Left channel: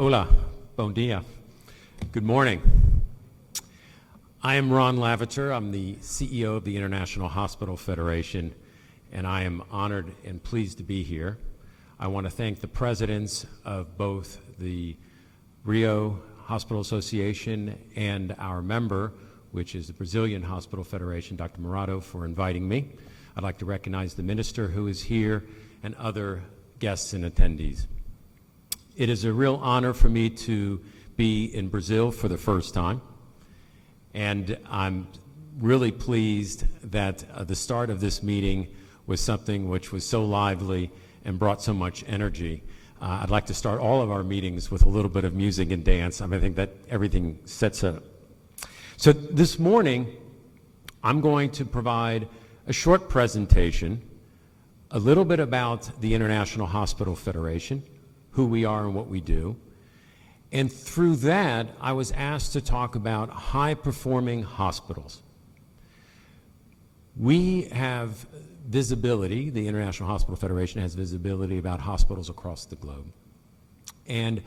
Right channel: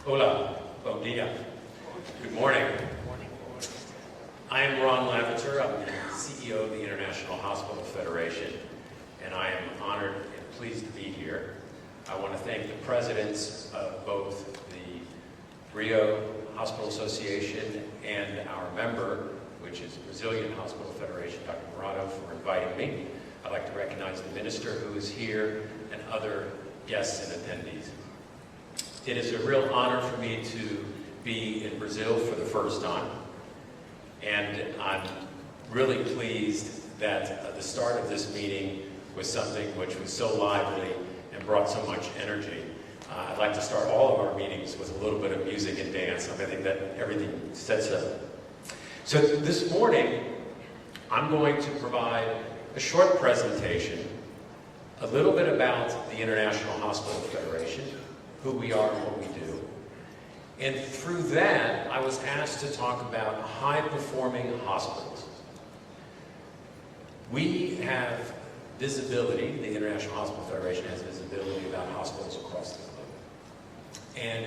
Hola, bon dia. Good morning. I am Ron Lavater. I'm the CEO of the International Hospital Federation, and I am honored and pleased to be here. I want to thank the presidents of both the Rio Hospital Association and our member, which is the Brazilian Hospital Federation, Dr. Murado, for inviting me. I'd like to recognize the minister who is here and other guests and attendees. It is a real honor for me to be in Brazil for the first time, and I'm really pleased that the start of this meeting was something which was so lively and brought so much energy. I'd like to start all of our meetings with a little bit of music and dance. I think that everything sets up. So this morning, I'm going to provide a short presentation, a little bit about the International Hospital Federation, who we are and what we do. And through that, I was asked to talk about high-performing hospitals. We have visibility, the International Hospital Federation has visibility about hospitals across the globe. And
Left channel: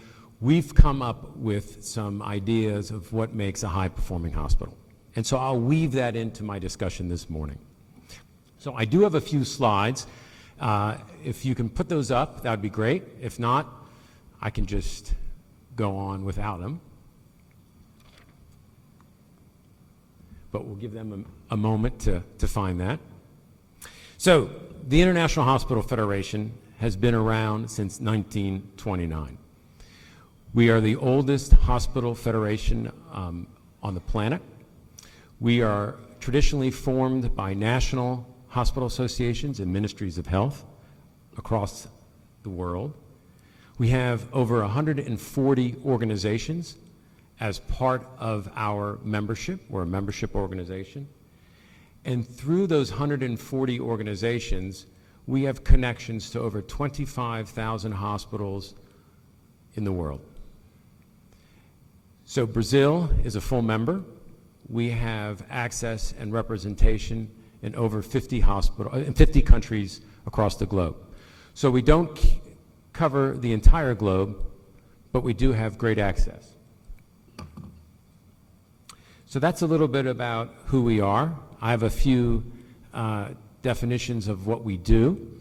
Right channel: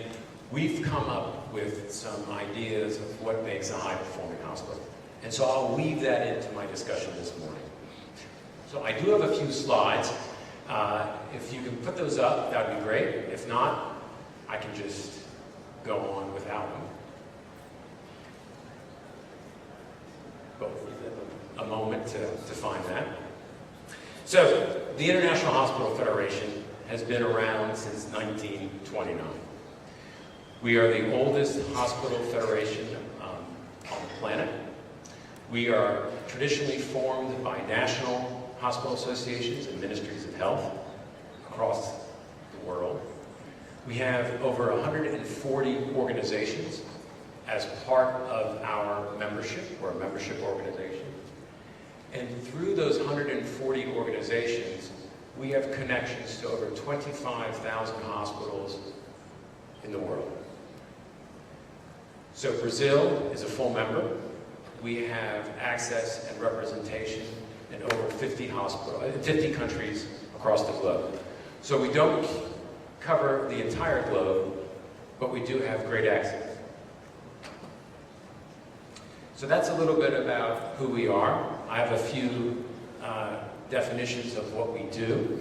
we've come up with some ideas of what makes a high-performing hospital. And so I'll weave that into my discussion this morning. So I do have a few slides. If you can put those up, that would be great. If not, I can just go on without them. But we'll give them a moment to find that. So, the International Hospital Federation has been around since 1929. We are the oldest hospital federation on the planet. We are traditionally formed by national hospital associations and ministries of health across the world. We have over 140 organizations as part of our membership. We're a membership organization. And through those 140 organizations, we have connections to over 25,000 hospitals in the world. So Brazil is a full member. We have access and representation in over 50 countries across the globe. So we don't cover the entire globe, but we do have great access. So that's a little bit about who we are. I have a few definitions of what we do.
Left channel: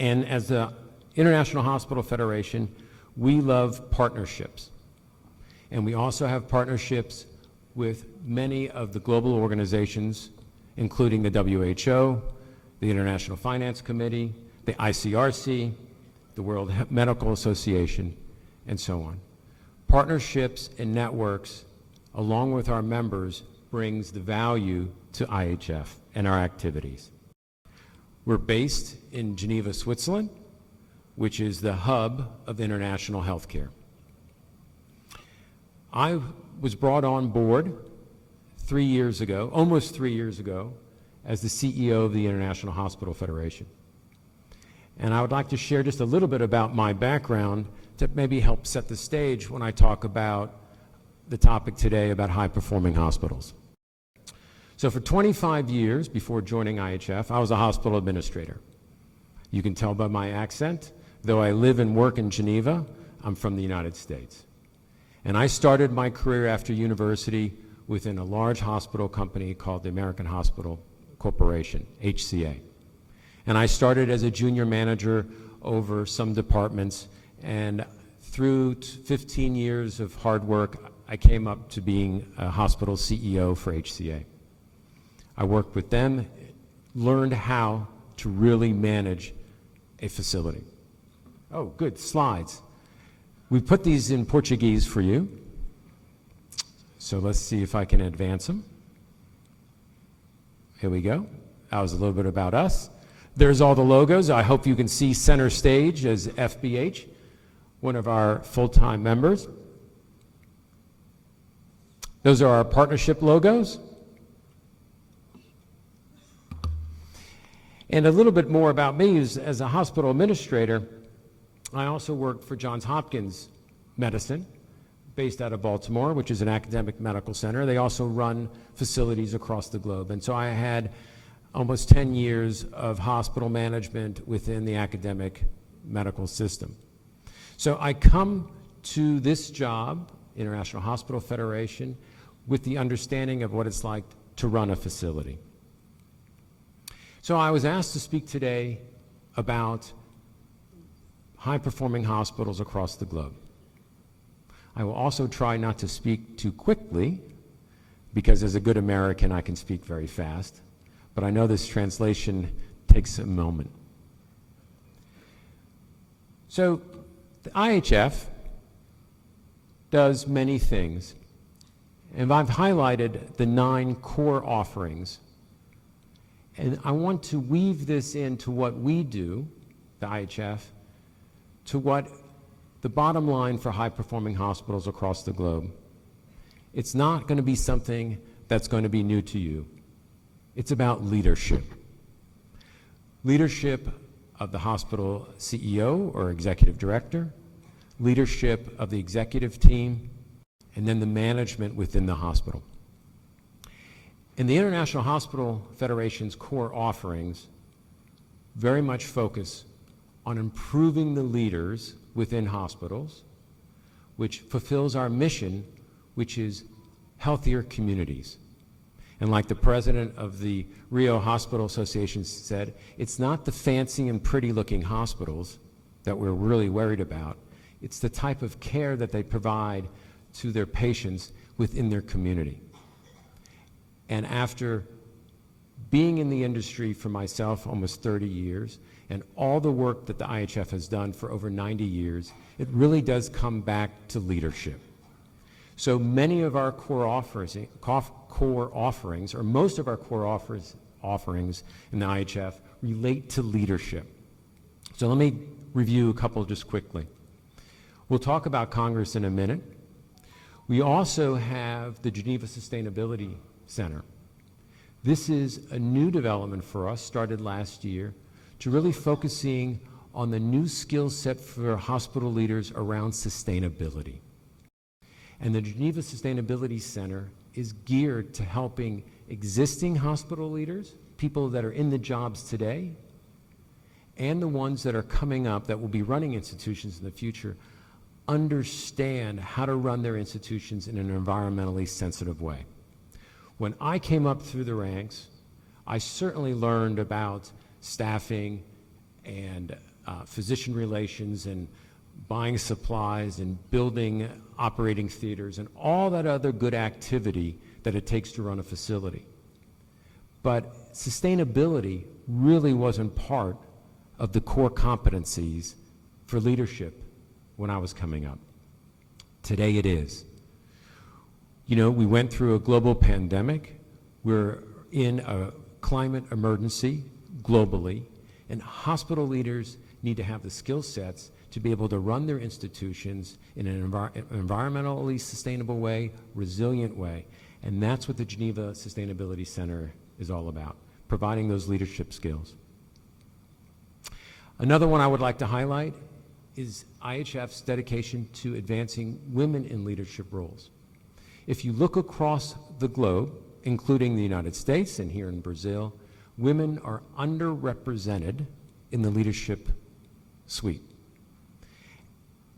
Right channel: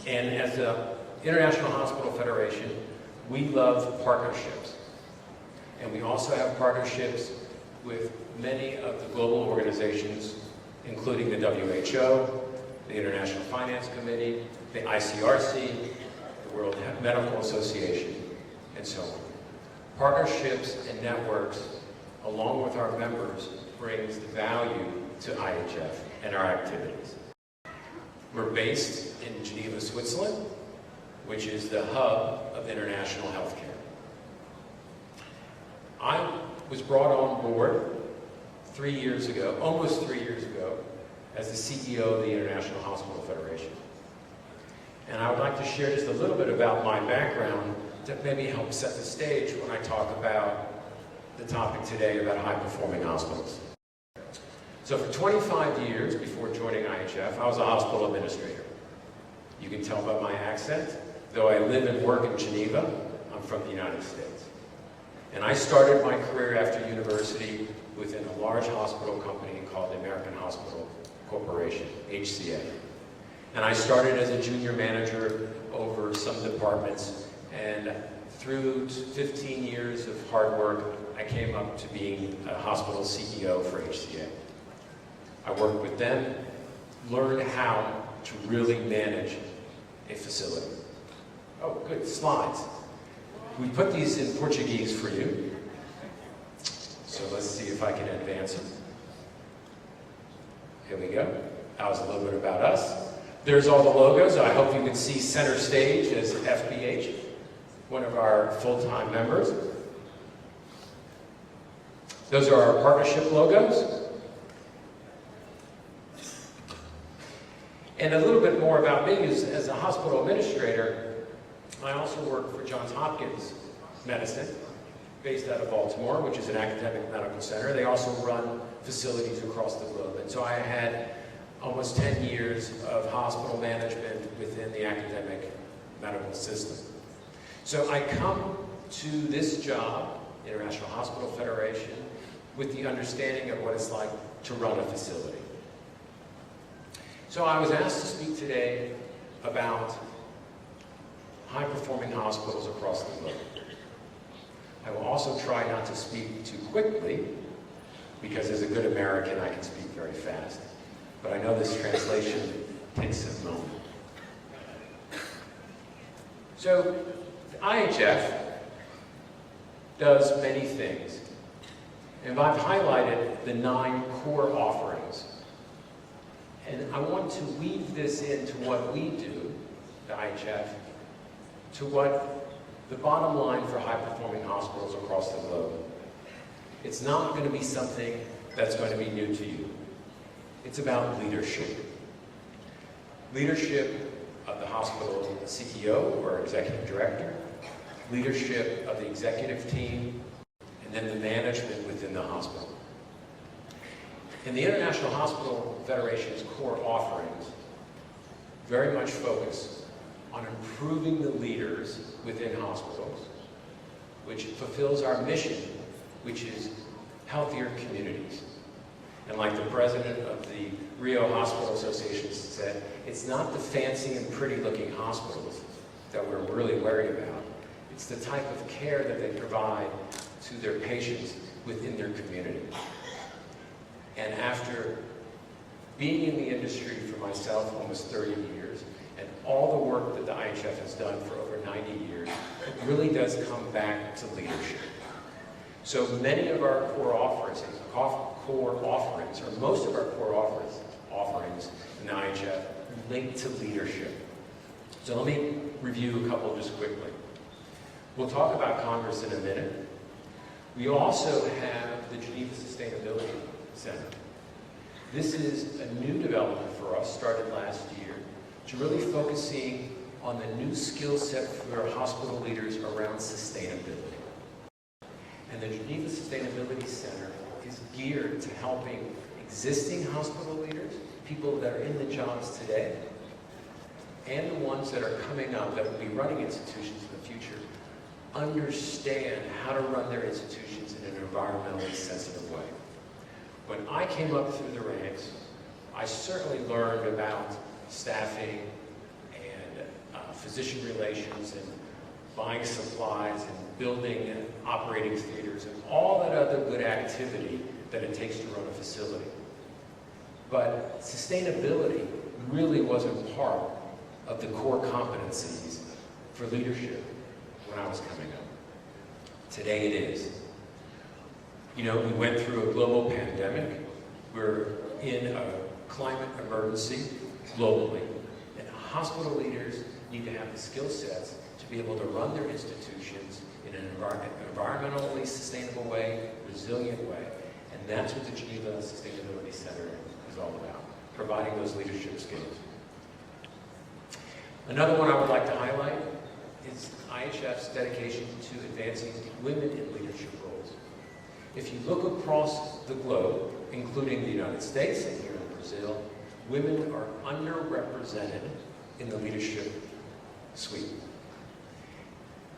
And as the International Hospital Federation, we love partnerships. And we also have partnerships with many of the global organizations, including the WHO, the International Finance Committee, the ICRC, the World Medical Association, and so on. Partnerships and networks, along with our members, brings the value to IHF and our activities. We're based in Geneva, Switzerland, which is the hub of international healthcare. I was brought on board 3 years ago, almost 3 years ago, as the CEO of the International Hospital Federation. And I would like to share just a little bit about my background to maybe help set the stage when I talk about the topic today about high-performing hospitals. So for 25 years before joining IHF, I was a hospital administrator. You can tell by my accent, though I live and work in Geneva, I'm from the United States. And I started my career after university within a large hospital company called the American Hospital Corporation, HCA. And I started as a junior manager over some departments, and through 15 years of hard work, I came up to being a hospital CEO for HCA. I worked with them, learned how to really manage a facility. Oh, good, slides. We put these in Portuguese for you. So let's see if I can advance them. Here we go. That was a little bit about us. There's all the logos. I hope you can see center stage as FBH, one of our full-time members. Those are our partnership logos. And a little bit more about me is, as a hospital administrator, I also work for Johns Hopkins Medicine, based out of Baltimore, which is an academic medical center. They also run facilities across the globe. And so I had almost 10 years of hospital management within the academic medical system. So I come to this job, International Hospital Federation, with the understanding of what it's like to run a facility. So I was asked to speak today about high-performing hospitals across the globe. I will also try not to speak too quickly, because as a good American, I can speak very fast, but I know this translation takes a moment. So, the IHF does many things, and I've highlighted the 9 core offerings. And I want to weave this into what we do, the IHF, to what the bottom line for high-performing hospitals across the globe. It's not going to be something that's going to be new to you. It's about leadership. Leadership of the hospital CEO or executive director, leadership of the executive team, and then the management within the hospital. And the International Hospital Federation's core offerings very much focus on improving the leaders within hospitals, which fulfills our mission, which is healthier communities. And like the president of the Rio Hospital Association said, it's not the fancy and pretty looking hospitals that we're really worried about. It's the type of care that they provide to their patients within their community. And after being in the industry for myself almost 30 years, and all the work that the IHF has done for over 90 years, it really does come back to leadership. So many of our core offerings, or most of our core offerings in the IHF relate to leadership. So let me review a couple just quickly. We'll talk about Congress in a minute. We also have the Geneva Sustainability Center. This is a new development for us, started last year, to really focusing on the new skill set for hospital leaders around sustainability. And the Geneva Sustainability Center is geared to helping existing hospital leaders, people that are in the jobs today, and the ones that are coming up that will be running institutions in the future, understand how to run their institutions in an environmentally sensitive way. When I came up through the ranks, I certainly learned about staffing and physician relations and buying supplies and building operating theaters and all that other good activity that it takes to run a facility. But sustainability really wasn't part of the core competencies for leadership when I was coming up. Today it is. You know, we went through a global pandemic. We're in a climate emergency globally, and hospital leaders need to have the skill sets to be able to run their institutions in an environmentally sustainable way, resilient way. And that's what the Geneva Sustainability Center is all about, providing those leadership skills. Another one I would like to highlight is IHF's dedication to advancing women in leadership roles. If you look across the globe, including the United States and here in Brazil, women are underrepresented in the leadership suite.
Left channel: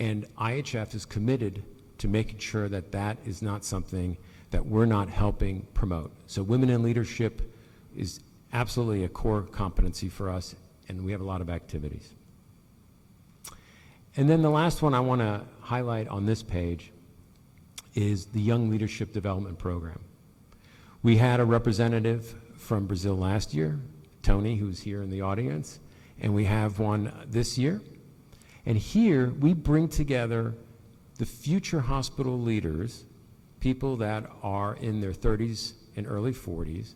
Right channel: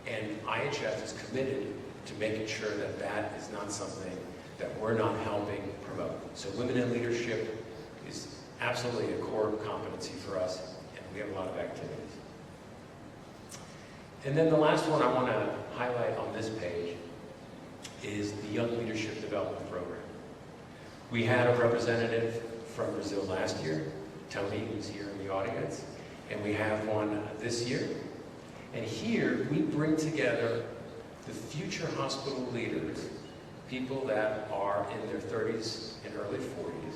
And IHF is committed to making sure that that is not something that we're not helping promote. So women in leadership is absolutely a core competency for us, and we have a lot of activities. And then the last one I want to highlight on this page is the Young Leadership Development Program. We had a representative from Brazil last year, Tony, who's here in the audience, and we have one this year. And here we bring together the future hospital leaders, people that are in their 30s and early 40s,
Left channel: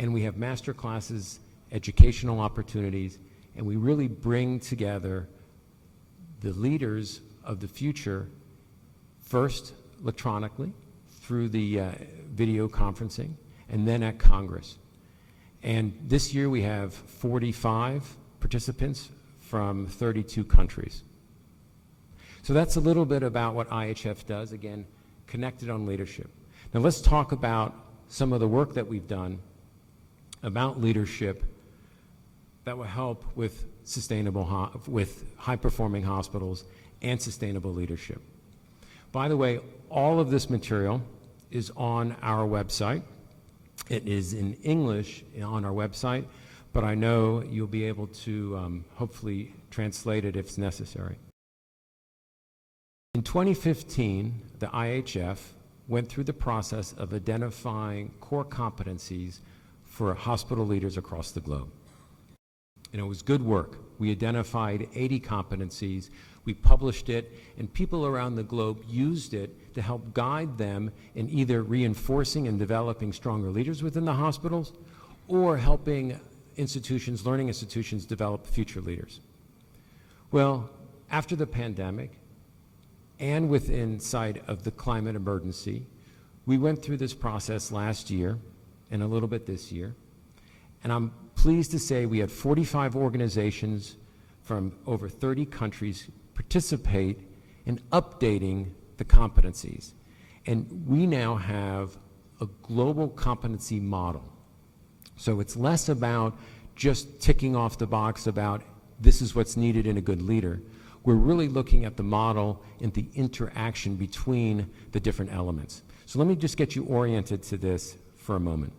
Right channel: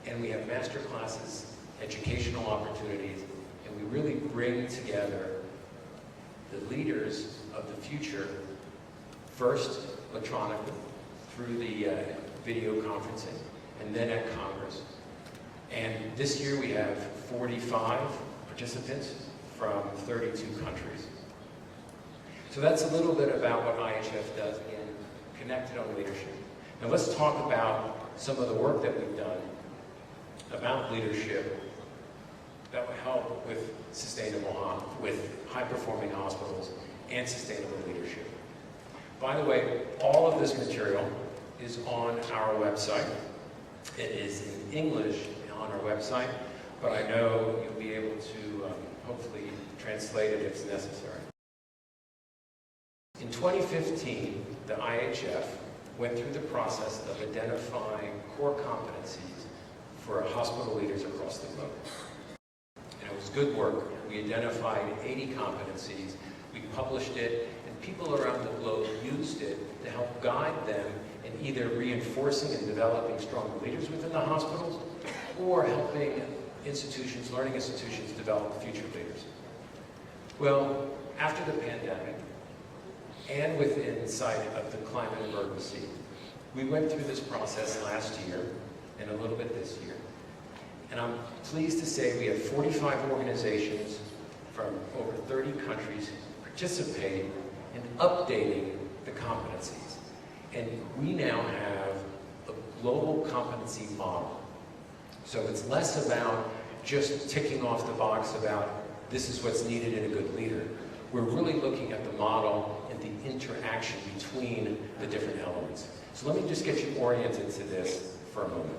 and we have master classes, educational opportunities, and we really bring together the leaders of the future, first electronically through the video conferencing, and then at Congress. And this year we have 45 participants from 32 countries. So that's a little bit about what IHF does, again, connected on leadership. Now let's talk about some of the work that we've done about leadership that will help with high-performing hospitals and sustainable leadership. By the way, all of this material is on our website. It is in English on our website, but I know you'll be able to hopefully translate it if necessary. In 2015, the IHF went through the process of identifying core competencies for hospital leaders across the globe. And it was good work. We identified 80 competencies, we published it, and people around the globe used it to help guide them in either reinforcing and developing stronger leaders within the hospitals or helping institutions, learning institutions, develop future leaders. Well, after the pandemic, and with insight of the climate emergency, we went through this process last year and a little bit this year. And I'm pleased to say we had 45 organizations from over 30 countries participate in updating the competencies. And we now have a global competency model. So it's less about just ticking off the box about this is what's needed in a good leader. We're really looking at the model and the interaction between the different elements. So let me just get you oriented to this for a moment.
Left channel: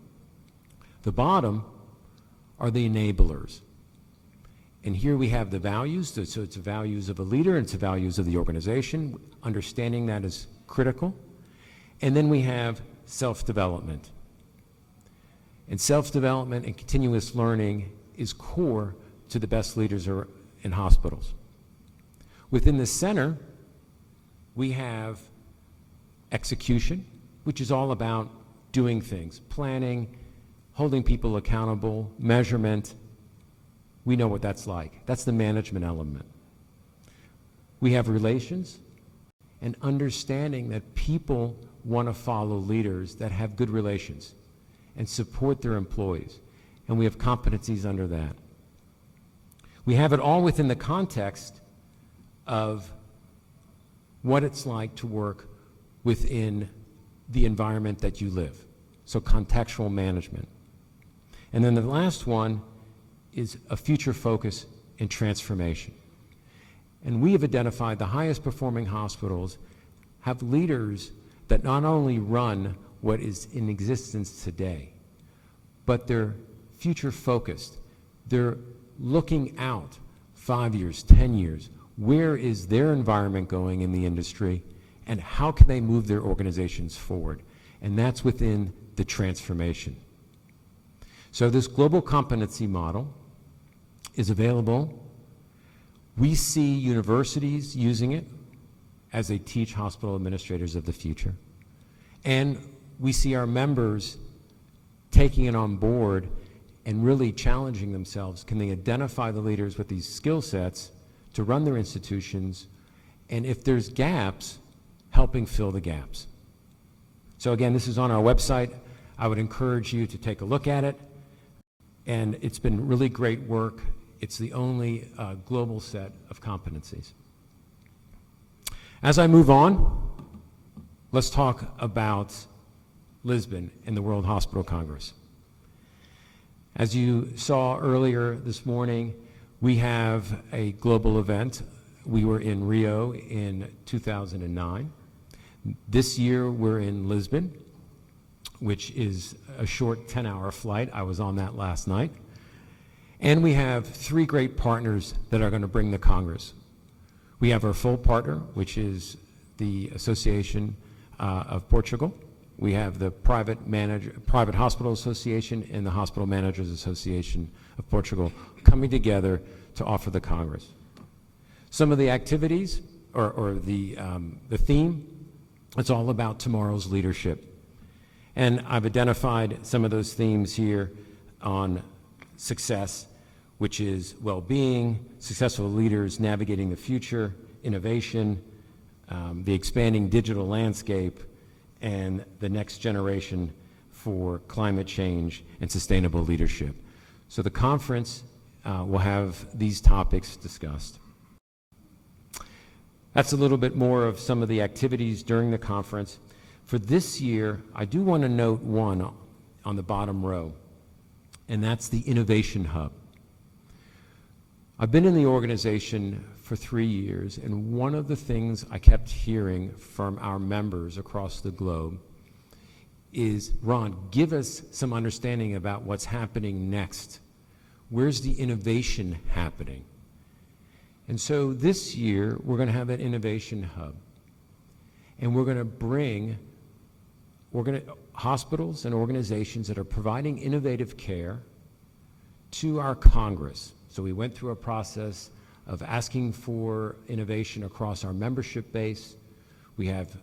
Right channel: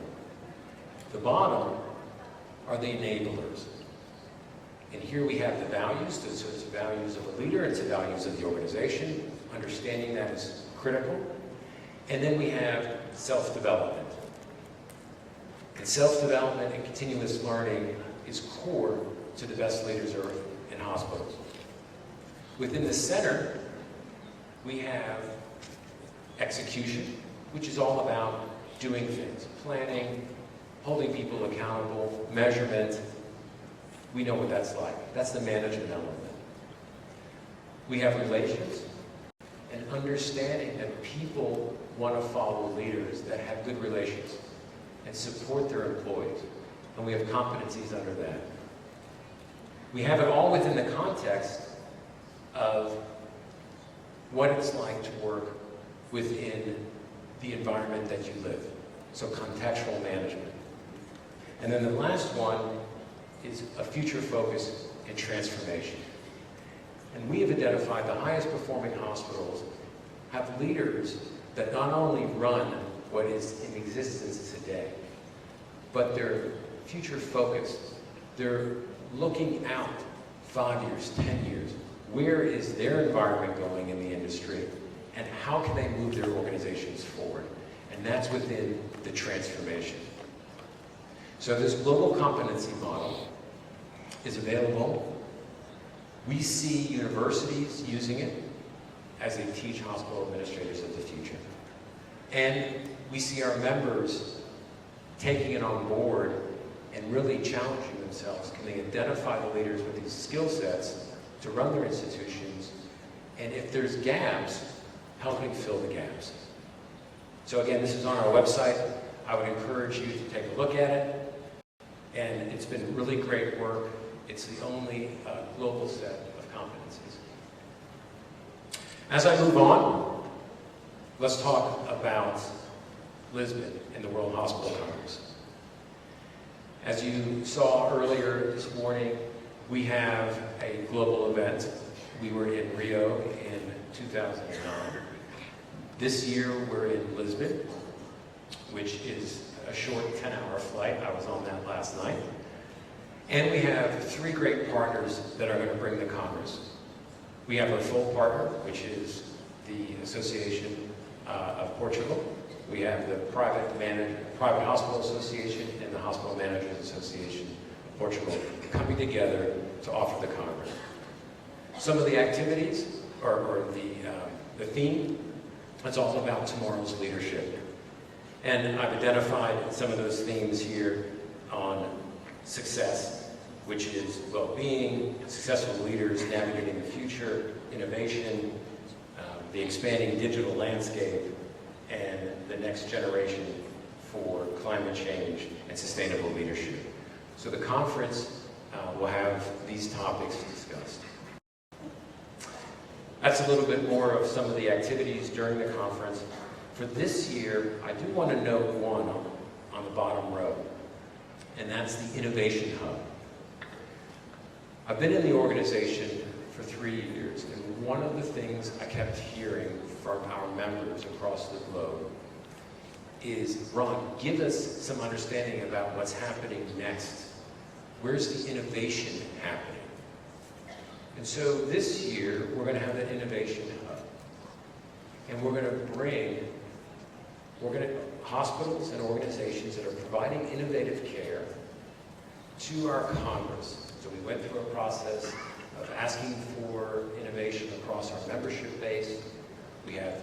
The bottom are the enablers. And here we have the values, so it's the values of a leader, it's the values of the organization, understanding that is critical. And then we have self-development. And self-development and continuous learning is core to the best leaders in hospitals. Within the center, we have execution, which is all about doing things, planning, holding people accountable, measurement. We know what that's like. That's the management element. We have relations and understanding that people want to follow leaders that have good relations and support their employees. And we have competencies under that. We have it all within the context of what it's like to work within the environment that you live. So contextual management. And then the last one is a future focus and transformation. And we have identified the highest performing hospitals have leaders that not only run what is in existence today, but they're future focused. They're looking out 5 years, 10 years. Where is their environment going in the industry, and how can they move their organizations forward? And that's within the transformation. So this global competency model is available. We see universities using it as they teach hospital administrators of the future. And we see our members taking it on board and really challenging themselves. Can they identify the leaders with these skill sets to run their institutions, and if there's gaps, helping fill the gaps. So again, this is on our website. I would encourage you to take a look at it, and it's been really great work. It's the only global set of competencies. As I move on, let's talk about Lisbon and the World Hospital Congress. As you saw earlier this morning, we have a global event. We were in Rio in 2009. This year we're in Lisbon, which is a short 10-hour flight. I was on that last night. And we have 3 great partners that are going to bring the Congress. We have our full partner, which is the Association of Portugal. We have the Private Hospital Association and the Hospital Managers Association of Portugal coming together to offer the Congress. Some of the activities, or the theme, it's all about tomorrow's leadership. And I've identified some of those themes here on success, which is well-being, successful leaders navigating the future, innovation, the expanding digital landscape, and the next generation for climate change and sustainable leadership. So the conference will have these topics discussed. That's a little bit more of some of the activities during the conference. For this year, I do want to note one on the bottom row, and that's the Innovation Hub. I've been in the organization for 3 years, and one of the things I kept hearing from our members across the globe is, Ron, give us some understanding about what's happening next. Where's the innovation happening? And so this year, we're going to have an innovation hub. And we're going to bring hospitals and organizations that are providing innovative care to our Congress. So we went through a process of asking for innovation across our membership base. We have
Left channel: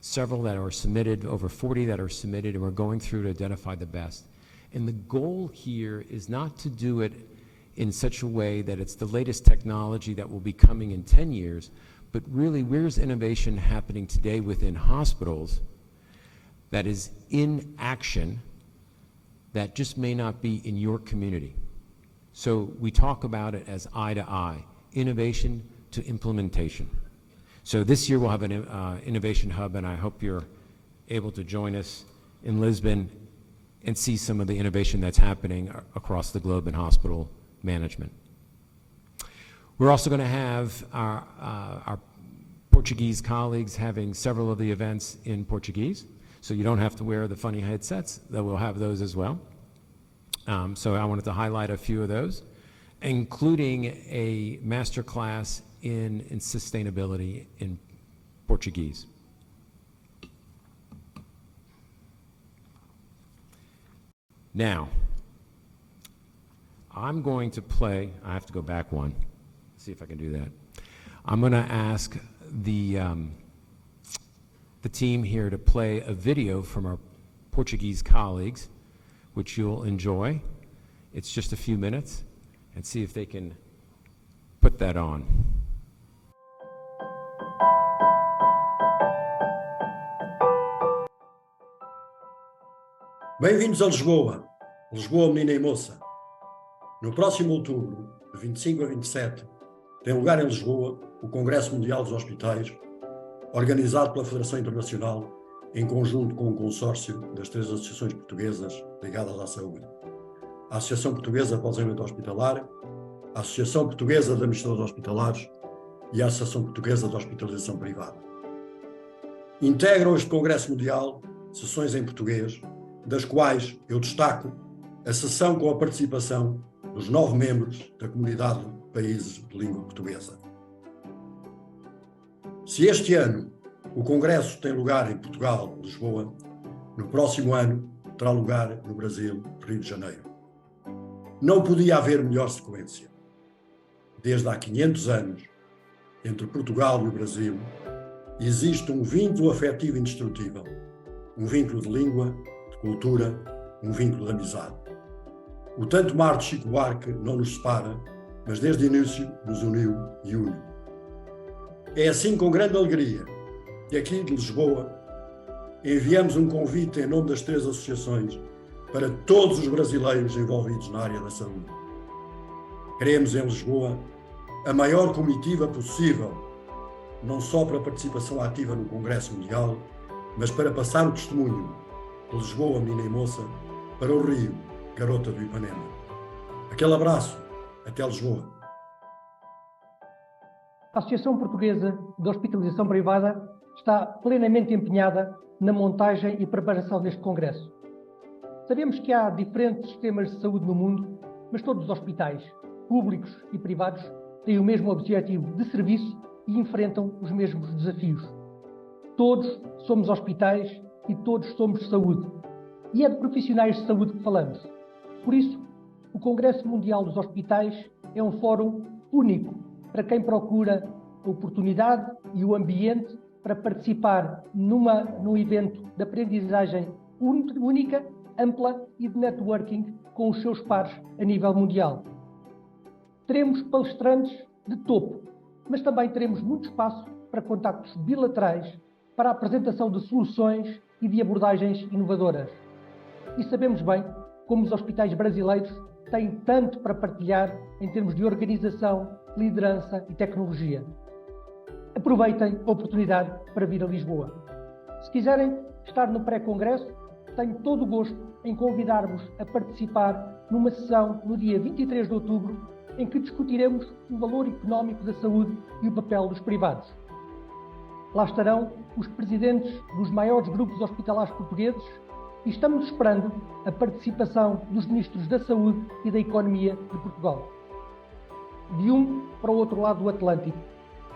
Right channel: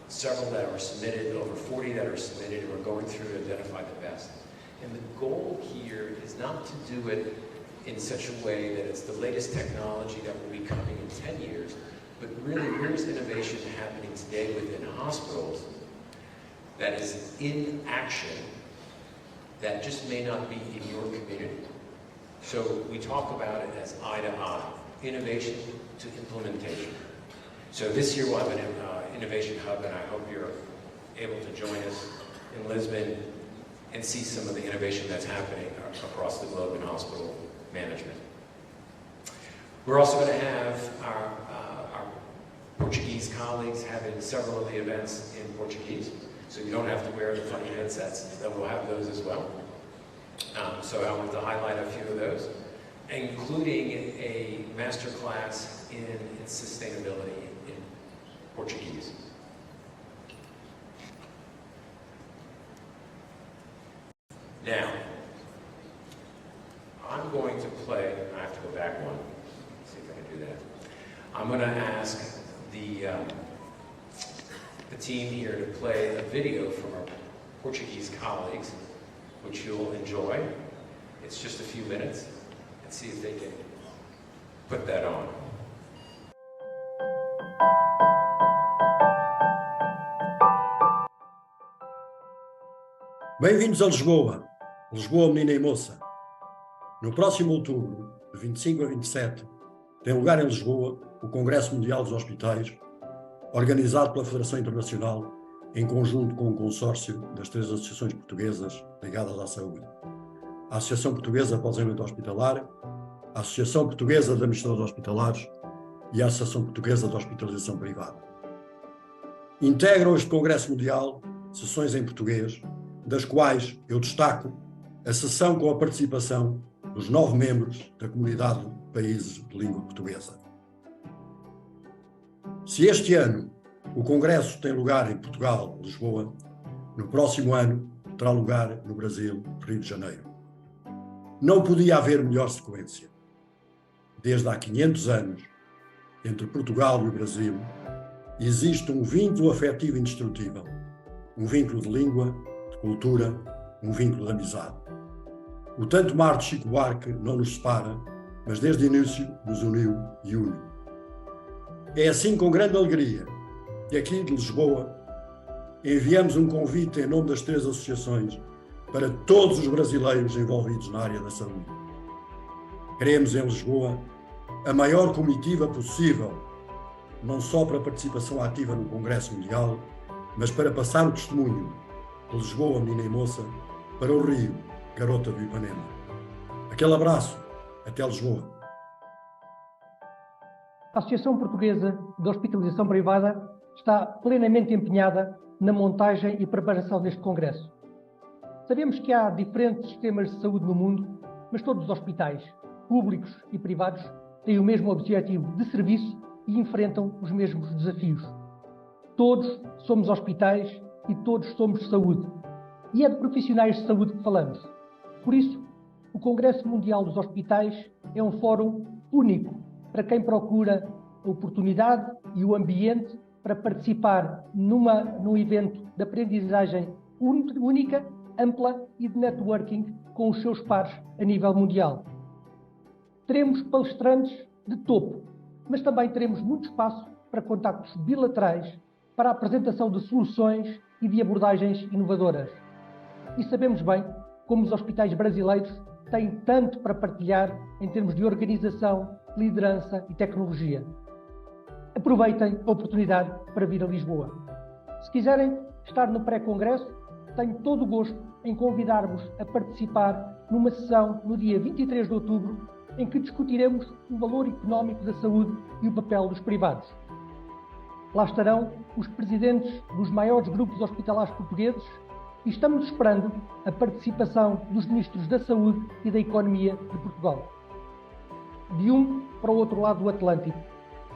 several that are submitted, over 40 that are submitted, and we're going through to identify the best. And the goal here is not to do it in such a way that it's the latest technology that will be coming in 10 years, but really where's innovation happening today within hospitals that is in action that just may not be in your community. So we talk about it as eye to eye, innovation to implementation. So this year we'll have an innovation hub, and I hope you're able to join us in Lisbon and see some of the innovation that's happening across the globe in hospital management. We're also going to have our Portuguese colleagues having several of the events in Portuguese, so you don't have to wear the funny headsets. They will have those as well. So I want to highlight a few of those, including a master class in sustainability in Portuguese. Now, I'm going to play, I have to go back one, see if I can do that. I'm going to ask the team here to play a video from our Portuguese colleagues, which you'll enjoy. It's just a few minutes, and see if they can put that on. Bem-vindos a Lisboa, Lisboa menina e moça. No próximo outubro, de 25 a 27, tem lugar em Lisboa o Congresso Mundial dos Hospitais, organizado pela Federação Internacional em conjunto com o consórcio das 3 associações portuguesas ligadas à saúde. A Associação Portuguesa para o Desenvolvimento Hospitalar, a Associação Portuguesa de Administradores Hospitalares e a Associação Portuguesa de Hospitalização Privada. Integram este Congresso Mundial sessões em português, das quais eu destaco a sessão com a participação dos 9 membros da Comunidade de Países de Língua Portuguesa. Se este ano o Congresso tem lugar em Portugal, Lisboa, no próximo ano terá lugar no Brasil, Rio de Janeiro. Não podia haver melhor sequência. Desde há 500 anos, entre Portugal e o Brasil, existe um vínculo afetivo indestrutível, um vínculo de língua, de cultura, um vínculo de amizade. O tanto mar de Chico Buarque não nos separa, mas desde o início nos uniu e une. É assim com grande alegria que aqui de Lisboa enviamos um convite em nome das 3 associações para todos os brasileiros envolvidos na área da saúde. Queremos em Lisboa a maior comitiva possível, não só para a participação ativa no Congresso Mundial, mas para passar o testemunho de Lisboa, menina e moça, para o Rio, garota do Ipanema. Aquele abraço, até Lisboa. A Associação Portuguesa de Hospitalização Privada está plenamente empenhada na montagem e preparação deste congresso. Sabemos que há diferentes sistemas de saúde no mundo, mas todos os hospitais, públicos e privados, têm o mesmo objetivo de serviço e enfrentam os mesmos desafios. Todos somos hospitais e todos somos saúde. E é de profissionais de saúde que falamos. Por isso, o Congresso Mundial dos Hospitais é um fórum único para quem procura a oportunidade e o ambiente para participar num evento de aprendizagem única, ampla e de networking com os seus pares a nível mundial. Teremos palestrantes de topo, mas também teremos muito espaço para contactos bilaterais, para a apresentação de soluções e de abordagens inovadoras. E sabemos bem como os hospitais brasileiros têm tanto para partilhar em termos de organização, liderança e tecnologia. Aproveitem a oportunidade para vir a Lisboa. Se quiserem estar no pré-congresso, tenho todo o gosto em convidar-vos a participar numa sessão no dia 23 de outubro, em que discutiremos o valor económico da saúde e o papel dos privados. Lá estarão os presidentes dos maiores grupos hospitalares portugueses e estamos esperando a participação dos ministros da Saúde e da Economia de Portugal. De um para o outro lado do Atlântico,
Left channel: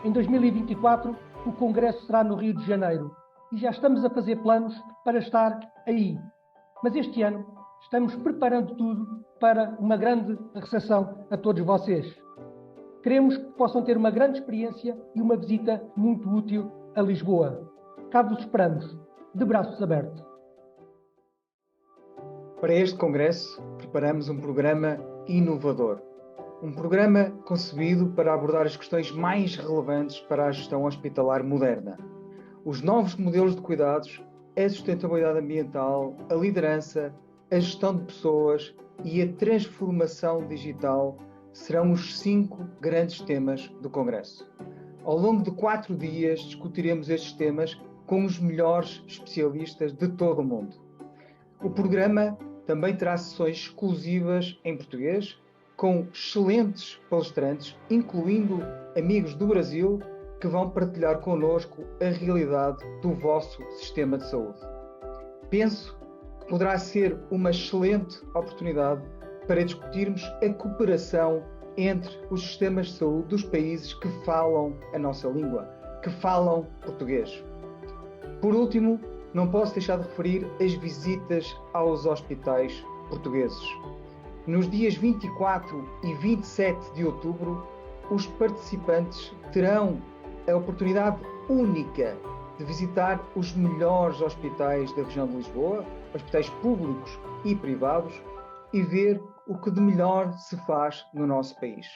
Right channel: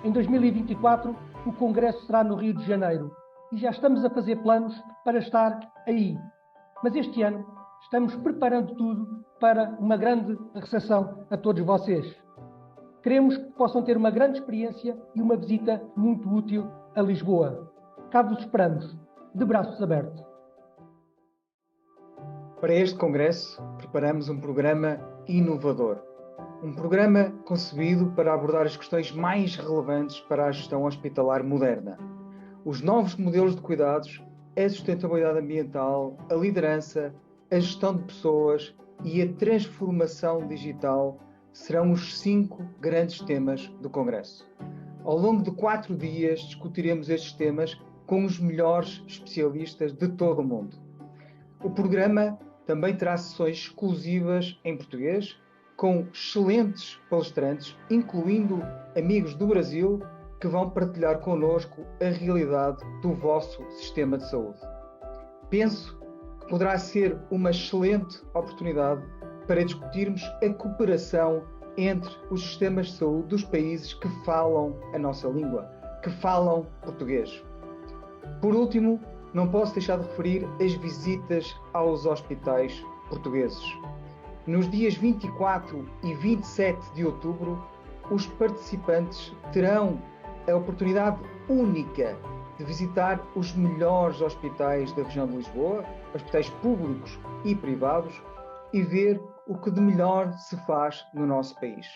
em 2024, o Congresso será no Rio de Janeiro e já estamos a fazer planos para estar aí. Mas este ano estamos preparando tudo para uma grande recepção a todos vocês. Queremos que possam ter uma grande experiência e uma visita muito útil a Lisboa. Cá vos esperamos, de braços abertos. Para este Congresso, preparamos um programa inovador. Um programa concebido para abordar as questões mais relevantes para a gestão hospitalar moderna. Os novos modelos de cuidados, a sustentabilidade ambiental, a liderança, a gestão de pessoas e a transformação digital serão os 5 grandes temas do Congresso. Ao longo de 4 dias discutiremos estes temas com os melhores especialistas de todo o mundo. O programa também terá sessões exclusivas em português, com excelentes palestrantes, incluindo amigos do Brasil, que vão partilhar connosco a realidade do vosso sistema de saúde. Penso que poderá ser uma excelente oportunidade para discutirmos a cooperação entre os sistemas de saúde dos países que falam a nossa língua, que falam português. Por último, não posso deixar de referir as visitas aos hospitais portugueses. Nos dias 24 e 27 de outubro, os participantes terão a oportunidade única de visitar os melhores hospitais da região de Lisboa, hospitais públicos e privados, e ver o que de melhor se faz no nosso país.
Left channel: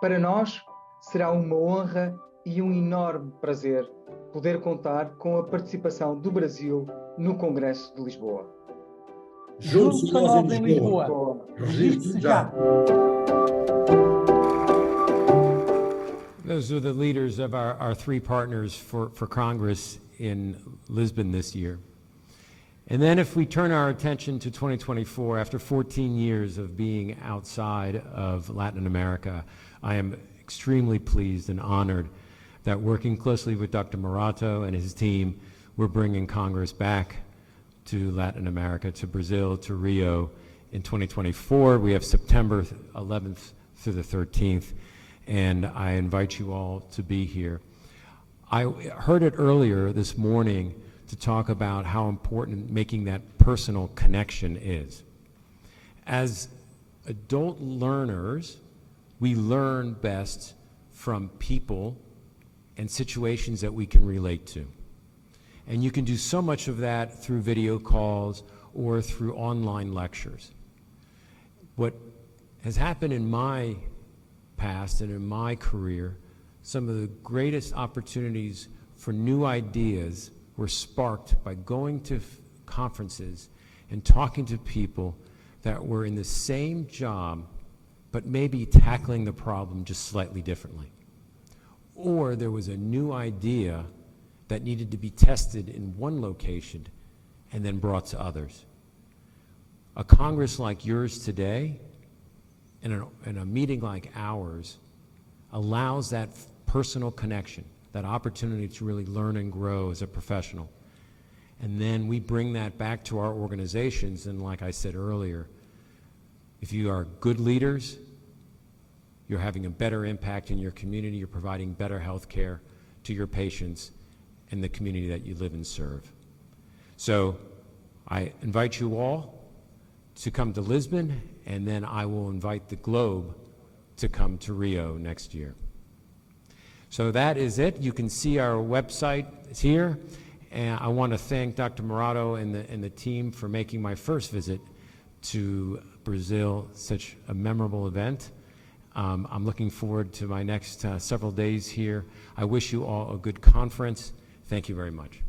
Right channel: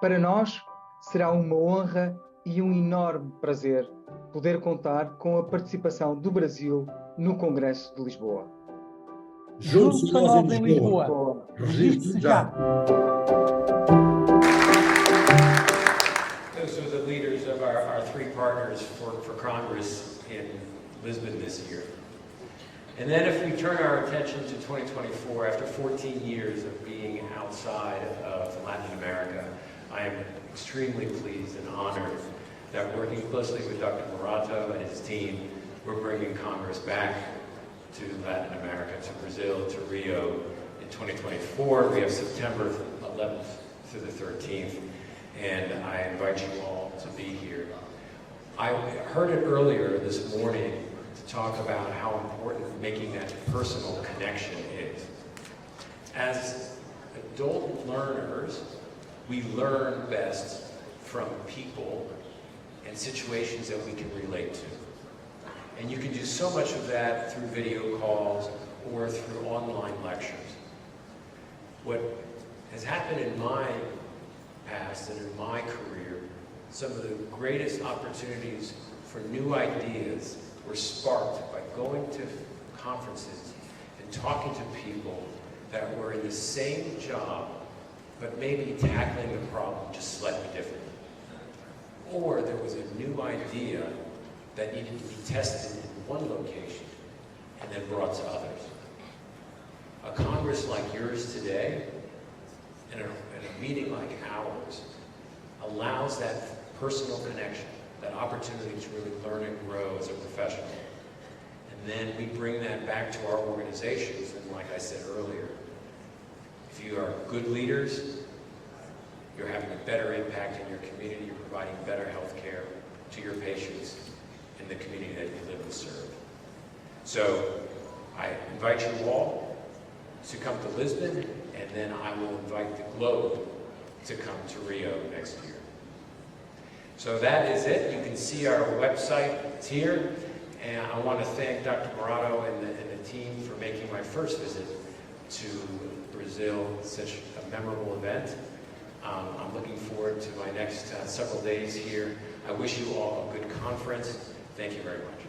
Para nós, será uma honra e um enorme prazer poder contar com a participação do Brasil no Congresso de Lisboa. Juntos a nós em Lisboa. Registe-se já. Those are the leaders of our 3 partners for Congress in Lisbon this year. And then if we turn our attention to 2024, after 14 years of being outside of Latin America, I am extremely pleased and honored that working closely with Dr. Morato and his team, we're bringing Congress back to Latin America, to Brazil, to Rio in 2024. We have September 11th through the 13th, and I invite you all to be here. I heard it earlier this morning to talk about how important making that personal connection is. As adult learners, we learn best from people and situations that we can relate to. And you can do so much of that through video calls or through online lectures. What has happened in my past and in my career, some of the greatest opportunities for new ideas were sparked by going to conferences and talking to people that were in the same job, but maybe tackling the problem just slightly differently. Or there was a new idea that needed to be tested in one location and then brought to others. A Congress like yours today and a meeting like ours allows that personal connection, that opportunity to really learn and grow as a professional. And then we bring that back to our organizations, and like I said earlier, if you are good leaders, you're having a better impact in your community, you're providing better health care to your patients in the community that you live and serve. So I invite you all to come to Lisbon, and then I will invite the globe to come to Rio next year. So that is it. You can see our website here, and I want to thank Dr. Morato and the team for making my first visit to Brazil such a memorable event. I'm looking forward to my next several days here. I wish you all a good conference. Thank you very much.